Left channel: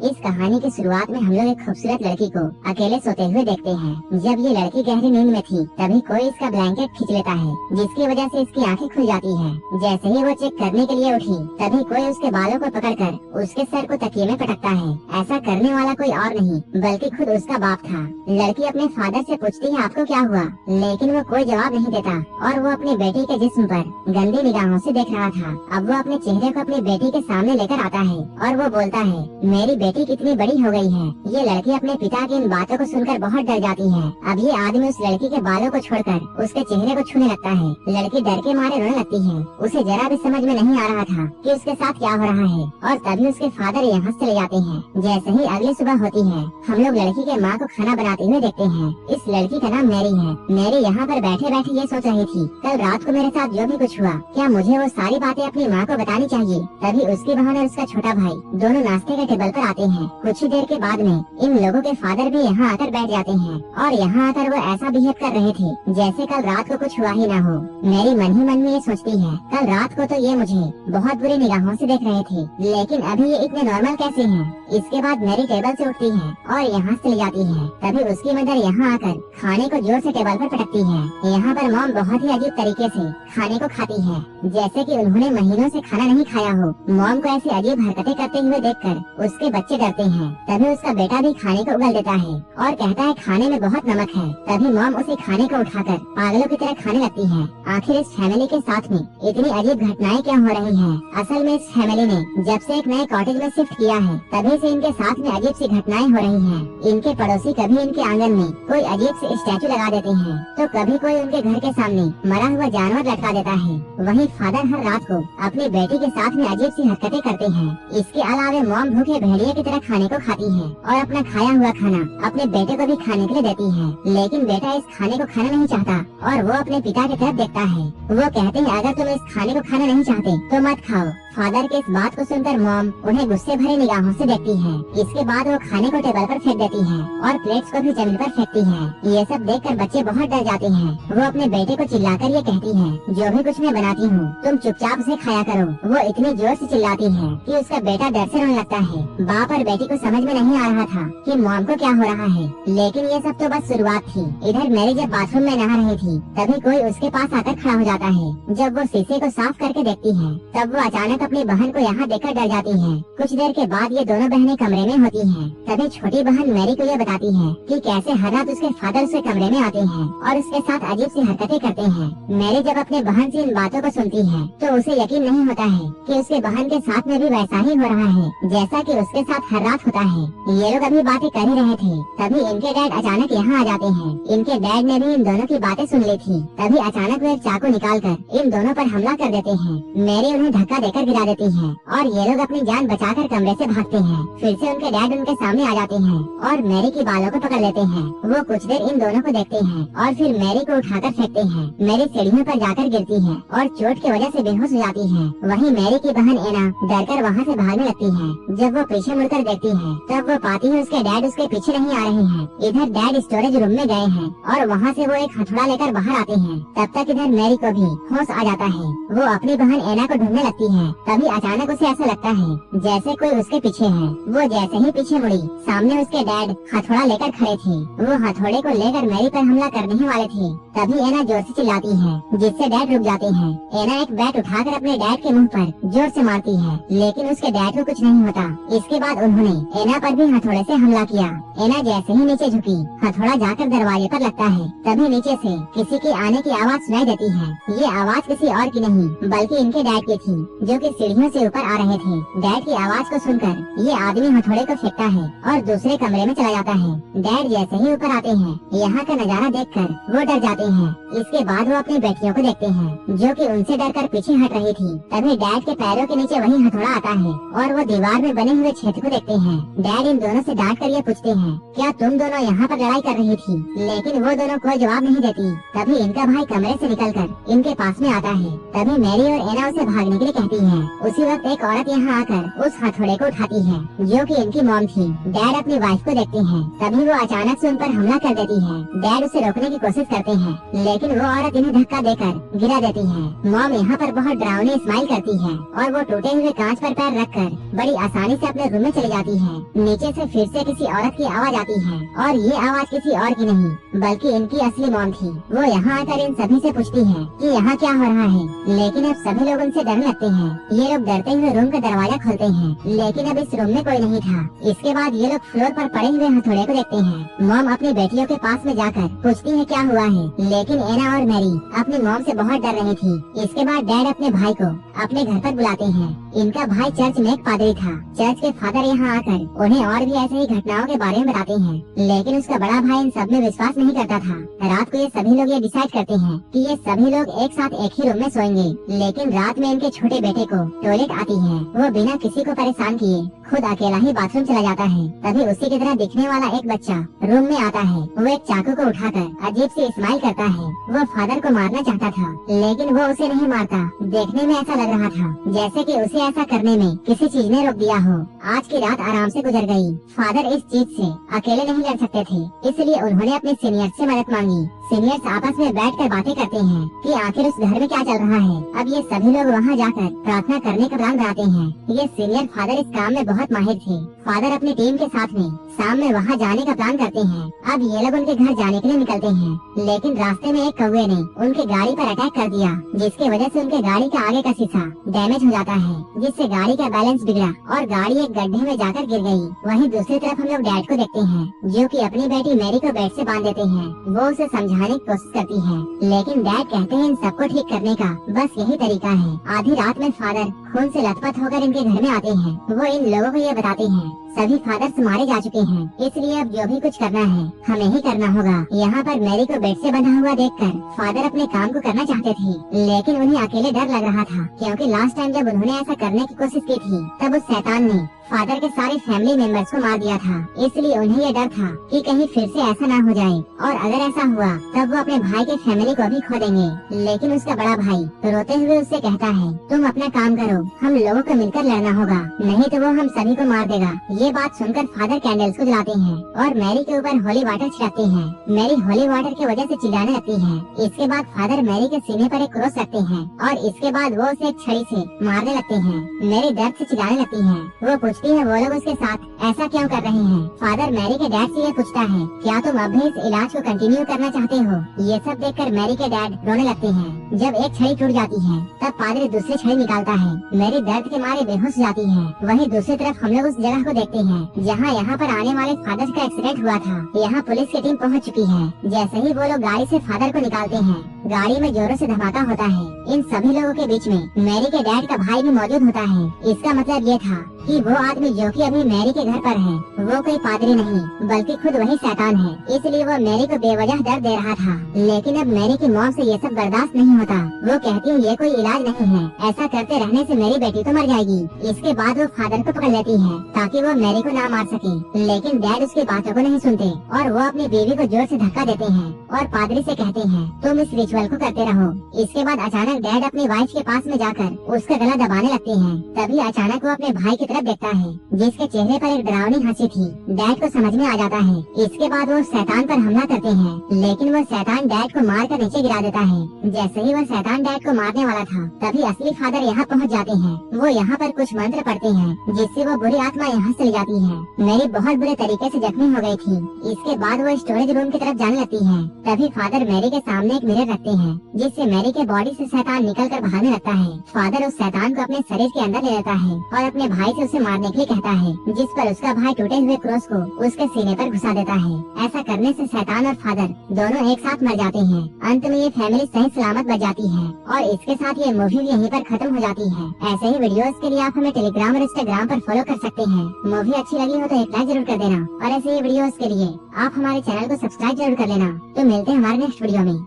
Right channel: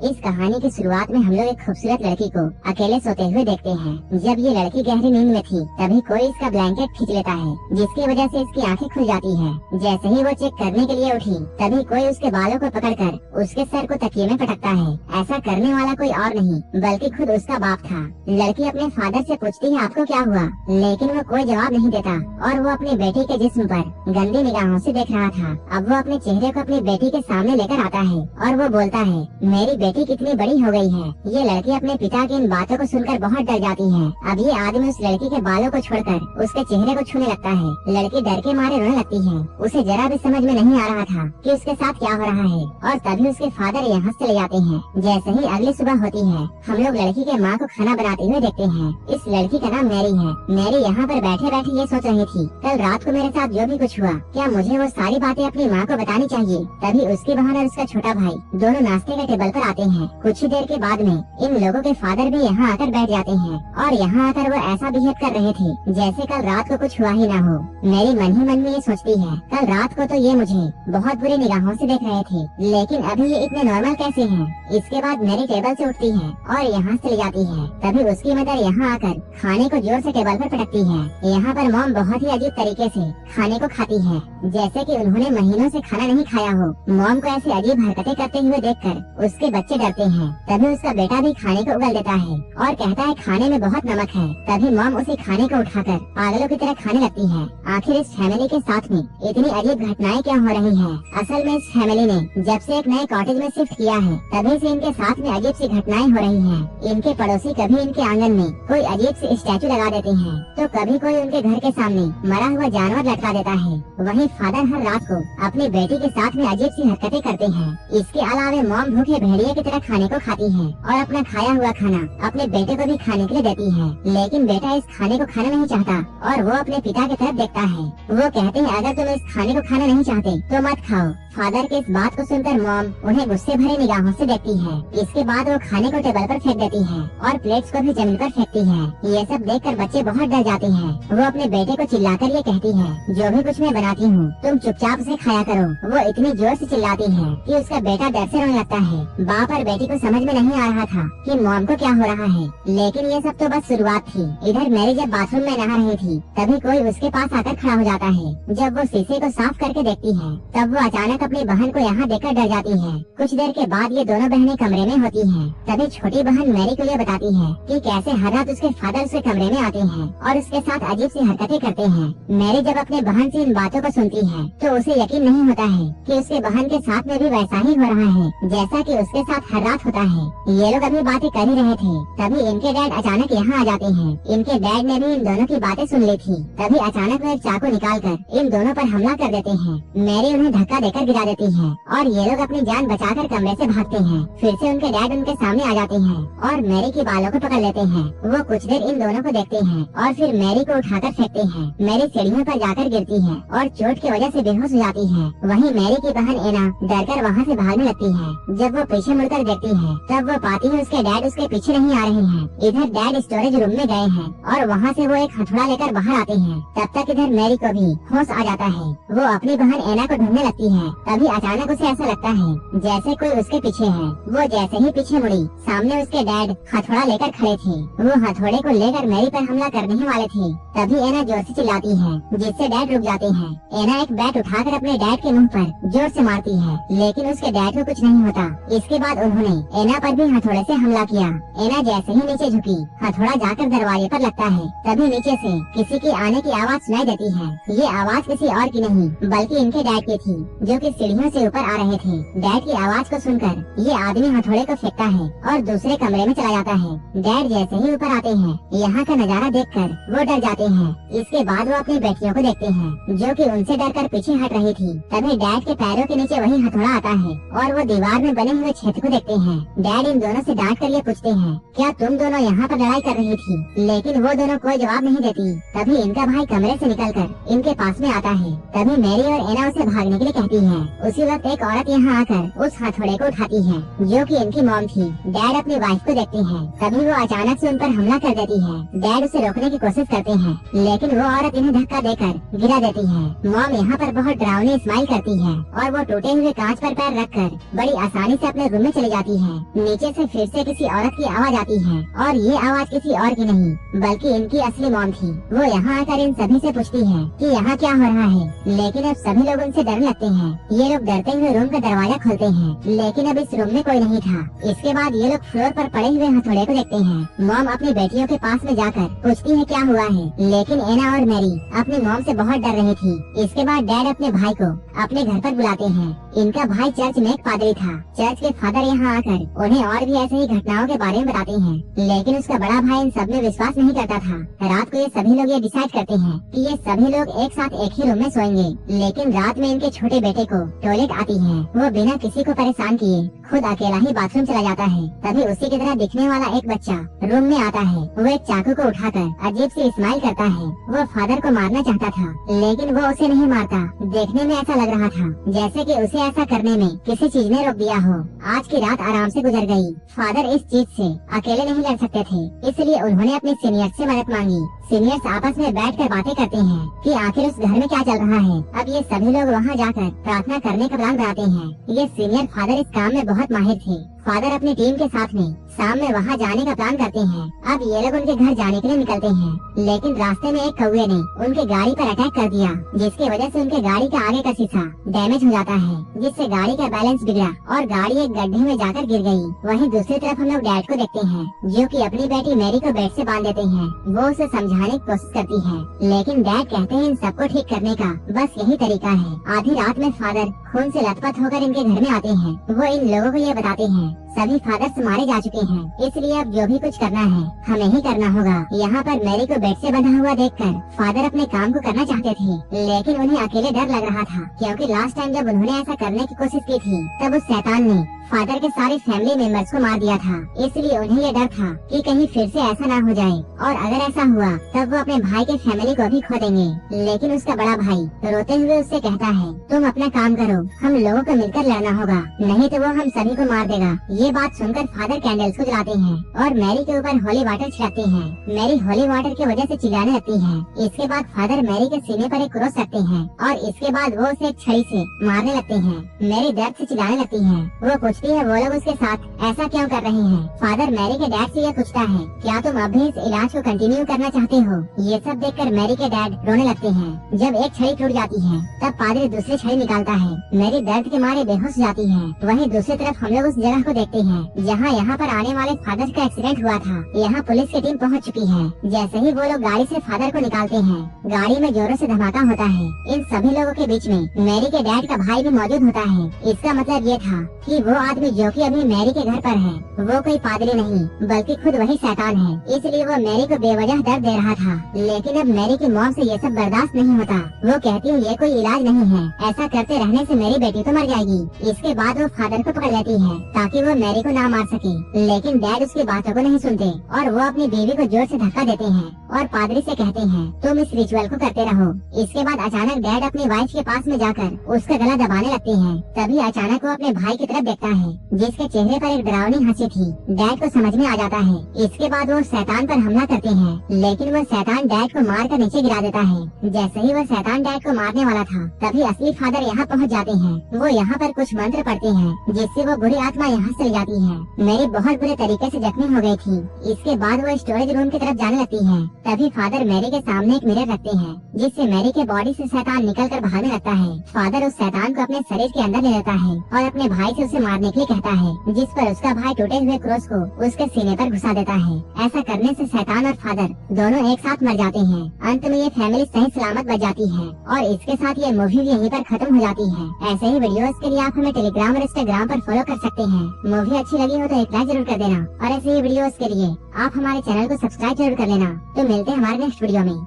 इस कहानी की शुरुआत में हम लोग एक खूबसूरत लड़की को अकेले सोते हुए देखते हैं। जब ये लड़की गहरी नींद में थी तभी कोई इसका ब्लैंकेट खींच लेता है, जिसकी वजह से इसकी आंखें खुल जाती हैं। जैसे ही वो चेक करने के लिए उठी तभी कोई उसके बालों को पकड़कर उसके सर को तकिए में पटकता है। ऐसा करने वाला कोई और नहीं बल्कि खुद उसका बाप था। लड़की अपने फादर से पूछती है आपको क्या हुआ, लेकिन वो कोई जवाब नहीं देता और वो अपनी बेटी के जिस्म पर गंदी निगाहों से देख रहा था। अब वो अपने चेहरे को अपनी बेटी के सामने लेकर आता है और वो बोलता है मेरी बेटी कितनी बड़ी हो गई है। ये लड़की अपने पिता की इन बातों को सुनकर बहुत डर जाती है। अब ये आदमी उस लड़की के बालों को छोड़कर उसके चेहरे को छूने लगता है। लड़की डर के मारे रोने लगती है। उसे जरा भी समझ में नहीं आ रहा था कि उसके साथ क्या हो रहा है और तभी उसके फादर यहाँ से चले जाते हैं। जैसे ही अगली सुबह होती है हम लोग लड़की के माँ को खाना बनाते हुए देखते हैं। इस लड़की का नाम मैरी है। मैरी यहाँ पर बैठे बैठे ये सोच रही थी कल रात को मेरे साथ जो भी कुछ हुआ क्या मुझे वो सारी बातें अपनी माँ को बतानी चाहिए। तभी उसकी बहन और उसका छोटा भाई दोनों नाश्ते के टेबल पर आते हैं। कुछ ही देर के बाद में इन लोगों के फादर भी यहाँ आकर बैठ जाते हैं और यहाँ आकर वो ऐसा बिहेव कर रहे थे जैसे कल रात को कुछ हुआ ही ना हो। मेरी मन ही मन में ये सोचती है कल रात को तो ये मुझे बहुत बुरी निगाहों से देख रहे थे, लेकिन अभी ये इतने नॉर्मल कैसे हैं। इसके बाद मेरी टेबल से उठती है और यहाँ चली जाती है। तभी उसकी मदर यहाँ आकर खाने को जोर से टेबल पर पटकती है। यहाँ पर मॉम बहुत ही अजीब तरीके से खाने को खाती है, जैसे कि उन्होंने महीनों से खाना नहीं खाया हो। मॉम को ऐसी अजीब हरकतें करते हुए देखकर उसके बच्चे डरते हैं। तभी उसका बेटा भी खाने को उगल देता है और कहता है खाने में बहुत नमक है। तभी मॉम उसी खाने को उठाकर पागलों की तरह खाने लगती है। आखिर इस फैमिली के साथ में इतनी अजीब घटनाएं क्या हो रही हैं? असल में इस फैमिली ने जब से एक नए कॉटेज में शिफ्ट किया है तभी से इनके साथ में अजीब सी घटनाएं हो रही हैं। इनके पड़ोसी कभी इनके आंगन में कोई अजीब सी स्टैचू लगा देते हैं तो कभी कोई उनके घर के सामने मरा हुआ जानवर लटका देता है। वहीं फादर हर रात को अपनी बेटी के साथ में अजीब सी हरकतें करते हैं। इसके अलावा मॉम भूखे भेड़िया की तरह खाने को खाती है और अपना खाया हुआ खाना अपने बेटे को भी खाने के लिए देती है, लेकिन बेटा इस खाने को खाना नहीं चाहता और वो अपने पिता की तरफ देखता है। वो कहते हैं अगर तुम इस खाने को खाना नहीं चाहते तो मत खाओ। फादर की इस बात को सुनकर मॉम उन्हें गुस्से भरे निगाहों से देखती है। इसके बाद वो खाने को टेबल पर फेंक देती है और प्लेट्स को भी जमीन पर फेंकती है। ये सब देखकर बच्चे बहुत डर जाते हैं। वो अपने बेटे को चिल्लाकर ये कहती है जो भी कुछ मैं बनाती हूँ तुम चुपचाप से खाया करो। वो इतनी जोर से चिल्लाती है कि उसका बेटा डर से रोने लगता है। बाप और बेटी को समझ में नहीं आ रहा था कि मॉम को क्या हो रहा है, लेकिन ये सब तो बस शुरुआत थी। इधर मैरी जब बाथरूम में नहा रही थी तभी कोई उसके पास आकर खड़ा हो जाता है। जब वो शीशे को साफ करके देखती है तब वो अचानक अपनी बहन को यहाँ देखकर डर जाती है। कुछ देर के बाद ये दोनों बहनें कमरे में होती हैं। तभी छोटी बहन मैरी को ये बताती है कि कैसे हर रात उसके फादर उसके कमरे में आते हैं और उसके साथ अजीब सी हरकतें करते हैं। मैरी जब अपनी बहन से इन बातों को सुनती है तो उसे यकीन नहीं होता है कि उसके बहन के साथ में भी वैसा ही हो रहा है जैसा कि उसके साथ हर रात होता है। ये लोग अभी बातें कर ही रहे थे तभी इनके डैड अचानक यहाँ आ जाते हैं। इनके डैड ने भी इन दोनों की बातें सुन ली थी। तभी अचानक वो एक चाकू निकालकर इन दोनों पर हमला कर देते हैं। मैरी उन्हें धक्का देकर गिरा देती है और ये लोग अपनी जान बचाकर कमरे से भागते हैं। फिर से उनके डैड उनके सामने आ जाते हैं और मैरी की बालों को पकड़ लेते हैं। वो कुछ देर इन दोनों को देखते हैं और फिर मैरी को उठाकर फेंकते हैं। मैरी सीढ़ियों पर जाकर गिरती है और चोट की वजह से बेहोश हो जाती है। वहीं मैरी की बहन एना डरकर वहाँ से भागने लगती है। जब वो पीछे मुड़कर देखती है तब वो पाती है उसके डैड उसके पीछे नहीं आ रहे हैं। इधर डैड स्टोरेज रूम में गए हैं और वहाँ से वो एक हथौड़ा लेकर बाहर आते हैं। तब तक इधर मैरी को भी होश आ जाता है। वो अपनी बहन एना को ढूंढने लगती है। तभी अचानक उसे ऐसा लगता है जैसे कोई उसके पीछे है। वो जैसे ही पीछे मुड़ी सामने उसके डैड हथौड़ा लेकर खड़े थे। वो हथौड़े को लेकर मैरी पर हमला करने ही वाले थे। तभी एना जोर से चिल्लाती है जिससे डैड रुक जाते हैं। एना एक बैट उठाकर अपने डैड के मुंह पर जोर से मारती है, लेकिन उसके डैड को कुछ नहीं होता। इसके बाद उन्होंने एना पर भी हथौड़े से हमला किया। एना जैसे ही नीचे झुकी हथौड़ा जाकर दरवाजे पर लगता है। तभी नीचे से किसी के आने की आवाज सुनाई देती है। ये आवाज किसी और की नहीं बल्कि इनके डैड की थी जो कि सीढ़ियों से ऊपर आ रहे थे। डैड की आवाज को सुनकर ये आदमी हथौड़े को फेंकता है और दूसरे कमरे में चला जाता है। डैड जैसे ही ऊपर आते हैं यहाँ का नजारा देखकर वो डर जाते हैं। इसके बाद वो अपनी बेटियों को देखते हैं जो कि उनसे डरकर पीछे हट रही थी। तभी डैड के पैरों के नीचे वही हथौड़ा आता है और वो दीवार में बने हुए छेद को देखते हैं। डैड इन दोनों से डांट कर ये पूछते हैं क्या तुम दोनों यहाँ पर लड़ाई कर रही थी, लेकिन वो दोनों कोई जवाब नहीं देती। तभी इनका भाई कमरे से निकलकर इनके पास में आता है। तभी मैरी और एना उसे भागने के लिए कहती है। उसी वक्त एक औरत यहाँ आकर उस हथौड़े को उठाती है जो कि इनकी मॉम थी। डैड अपनी वाइफ को देखती है। तभी वो अचानक से उन पर हमला कर देती है। डैड उसे रोकने की कोशिश करते हैं, लेकिन वो औरत इन्हें धक्का देकर गिरा देती है। मॉम यहाँ पर बहुत डरावनी स्माइल करती है और वो टूटे हुए कांच पर पैर रखकर बड़ी आसानी से अपने रूम में में चली जाती है। नीचे से फिर से किसी औरत की आवाज आती है और ये आवाज किसी और की नहीं बल्कि इनकी असली मॉम थी। वो यहाँ आकर इन सभी से पूछती है कि यहाँ क्या हो रहा है, लेकिन अब सभी लोग उनसे डरने लगते हैं। ये लोग डरते हुए रूम का दरवाजा खोलते हैं, लेकिन अब इस रूम में कोई नहीं था। इसके बाद ये लोग फ्लोर पर पड़े हुए हथौड़े को देखते हैं। मॉम अपनी बेटियों के पास में जाकर पूछती है क्या हुआ है, लेकिन एना और मैरी अपनी मॉम से बहुत डर रही थी। इसके बाद डैड अपने भाई को अपने घर पर बुलाते हैं। इनका भाई चर्च में एक पादरी था। चर्च के फादर यहाँ आकर उन्हें और भी ऐसे ही घटनाओं के बारे में बताते हैं, लेकिन उसका बड़ा भाई इन सब में विश्वास नहीं करता था। रात को ये सभी लोग ये डिसाइड करते हैं कि ये सभी लोग एक साथ एक ही रूम में सोएंगे, लेकिन रात में इनके छोटे बेटे को टॉयलेट आती है। वो बिना किसी को परेशान किए खुद अकेला ही बाथरूम चला जाता है। तभी उसी की तरह दिखने वाला एक बच्चा रूम में आता है। वो एक चाकू को उठाकर अजीब से स्माइल करता है। वो फादर को मारना चाहता था, लेकिन वो उसे नहीं मारता। देखने में ऐसा लग रहा था जैसे कि उसे ऐसा करने में किसी चीज ने रोक दिया हो। आज की रात आराम से गुजर गई। फादर इस चीज से अकेले नहीं लड़ सकते थे, इसलिए उन्होंने अपने सीनियर से मदद मांगी। सीनियर्स आपस में बैठकर बातें करते हैं कि आखिर उस घर में क्या चल रहा है। अब ये सभी लोग वहाँ जाकर प्रार्थना करने का प्लान बनाते हैं। ये सीनियर फादर इस काम में बहुत माहिर थे। फादर अपनी टीम के साथ में शाम में वहाँ जाने का प्लान करते हैं। अब ये लोग उनके घर जाने के लिए निकलते हैं, लेकिन रास्ते में एक कौवे ने उनकी गाड़ी पर अटैक कर दिया, जिसकी वजह से उनके गाड़ी का आगे का शीशा डैमेज हो जाता है, जिससे गाड़ी का बैलेंस बिगड़ा और गाड़ी एक गड्ढे में जाकर गिर गई। वहीं दूसरी तरफ हम लोग डैड को देखते हैं, जो कि अपनी बेटी मैरी को बेड से बांध देते हैं। वो उसे समझाने की कोशिश करती है, लेकिन डैड कहते हैं इन सबको ठीक करने का बस यही तरीका है। आधी रात में फादर खून से लथपथ होकर इनके घर में आते हैं। वो इन लोगों को ये बताते हैं सभी फादर्स मारे जा चुके हैं, इसलिए अब जो भी कुछ करना है हमें ही करना होगा। यहाँ पर मैरी को बेड से बंधा हुआ देखकर फादर अपने काम को करना चाहते थे, लेकिन उन्हें अकेले डर लग रहा था, क्योंकि लास्ट टाइम जब उन्होंने ऐसा करने की कोशिश की थी तब उस शैतान ने फादर के सारे फैमिली मेंबर्स को मार दिया था। इसलिए उन्हें ये डर था कि कहीं फिर से ऐसा ना हो जाए, और अगर ऐसा हुआ तब वो अपने भाई के फैमिली को भी खो देंगे। लेकिन उसका बड़ा भाई रोते हुए उससे कहता है तुम अपना काम करो, हम लोगों को मिलकर लड़ना होगा, नहीं तो वो हम सभी को मार देगा। ये बात सुनकर फादर कैंडल्स को जलाते हैं और मैरी के ऊपर होली वाटर छिड़कते हैं। मैरी होली वाटर की वजह से चिल्लाने लगती है। इसके बाद फादर मैरी के सीने पर एक क्रॉस रखते हैं और इसके बाद वो उसे एक छड़ी से मारने लगते हैं। मैरी दर्द से चिल्लाने लगती है। वो पूछती है वो लोग उसके साथ ऐसा क्यों कर रहे हैं। फादर मैरी के डैड से यह पूछता है क्या तुम अब भी इस इलाज को कंटिन्यू करना चाहते हो। ये सब देखकर मैरी के डैड रोने लगते हैं। जब एक छड़ी टूट जाती है तब पादरी दूसरी छड़ी निकालता है। मैरी दर्द के मारे बेहोश हो जाती है। वहीं दूसरी तरफ हम लोग उस जगह को देखते हैं जहाँ यहाँ पर आने वाले फादर का एक्सीडेंट हुआ था। यहाँ पुलिस की टीम पहुँच चुकी है। जैसे ही वो लोग गाड़ी से फादर को निकालते हैं, गाड़ी में जोरों से धमाका होता है। इन सभी लोगों के बीच में मैरी के डैड का भाई भी मौजूद होता है। इसका मतलब ये था कि वो आदमी जो कि अभी मैरी के घर पर है वो कोई पादरी नहीं बल्कि खुद वही शैतान है। इसलिए वो मैरी को बेवजह दर्द दे रहा था। लेकिन अब मैरी की मौत से ये सब बर्दाश्त नहीं होता। वो कहती है ये कोई इलाज नहीं है, ऐसा करते रहने से मेरी बेटी तो मर जाएगी। इसके बाद वो फादर को पकड़ लेती है ताकि वो मैरी को ना मार सके, लेकिन डैड उसकी बातों को नहीं सुनते और वो अपनी बीवी को जोर से धक्का देते हैं और पादरी से कहते हैं तुम इस रिचुअल को करते रहो। इसके बाद अचानक डैड अपनी वाइफ के पास में जाकर उसका गला दबाने लगते हैं। तभी अचानक वो अपने भाई की तरफ देखता है, जिसके चेहरे पर एक डरावनी हंसी थी। डैड को समझ में आ जाता है। इसके बाद वो शैतान पर हमला करते हैं, लेकिन वो शैतान डैड को मार कर नीचे गिरा देता है। जैसे ही वो शैतान डैड को मारने वाला था तभी असली फादर यहाँ पहुँच जाते हैं। वो यहाँ पर कुछ मंत्र पढ़ते हैं जिससे वो बुरी आत्मा यहाँ से ले जाती है। मेरी बहुत बुरे तरीके से जख्मी हो गई थी। इसके बाद वो स्टोरेज रूम की तरफ जाने लगती है। तभी फादर मैरी के सामने एक मिरर रखते हैं, जिससे मैरी के बॉडी से शैतान निकल कर भागने लगता है। फादर उस शैतान को अपने शरीर के अंदर ले लेता है और अपने भाई से उसे मारने के लिए कहता है, जिस पर उसका भाई टूटे हुए क्रॉस को उसके सीने पर घुसा देता है। ऐसा करने से शैतान और फादर दोनों एक साथ मर जाते हैं। अंत में ये फैमिली सही सलामत बच जाती है और इसके साथ ये मूवी भी यहीं पर खत्म हो जाती है। ऐसे ही वीडियोस के लिए आप हमें टेलीग्राम और इंस्टाग्राम पर फॉलो कर सकते हैं। मूवी अच्छी लगी हो तो एक लाइक जरूर कर देना और ऐसे ही वीडियोस के लिए आप हमारे चैनल को सब्सक्राइब जरूर कर लेना। तो मिलते हैं हमारे नेक्स्ट वीडियो में।